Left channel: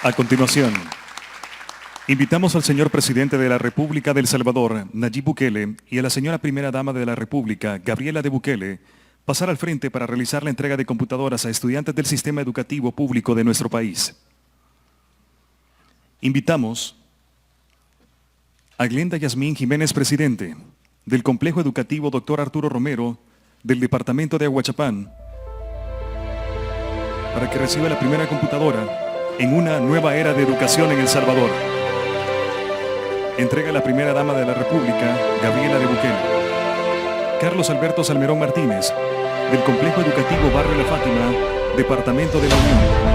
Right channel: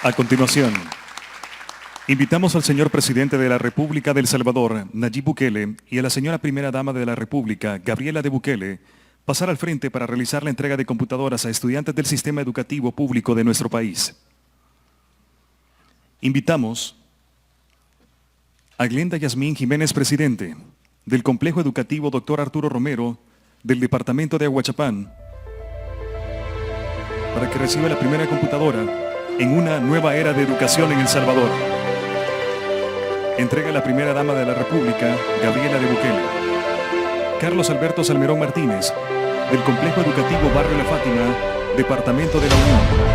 A continuación, invitamos al señor presidente de la República de El Salvador, Nayib Bukele, y a la señora primera dama de la República, Gabriela de Bukele, pasar al frente para realizar la entrega de computadoras a estudiantes del sistema educativo público de nuestro país. Invitamos a Glenda Yasmín Jiménez, presidente del Complejo Educativo Dr. Arturo Romero, del departamento de Aguachapán, para que reciba la primera computadora en una nueva era de educación en El Salvador. Entrega la primera dama de la República, Gabriela de Bukele. Carlos Alberto Salmerón Martínez, del Complejo Educativo Barrio La Fátima, Departamento de la Unión.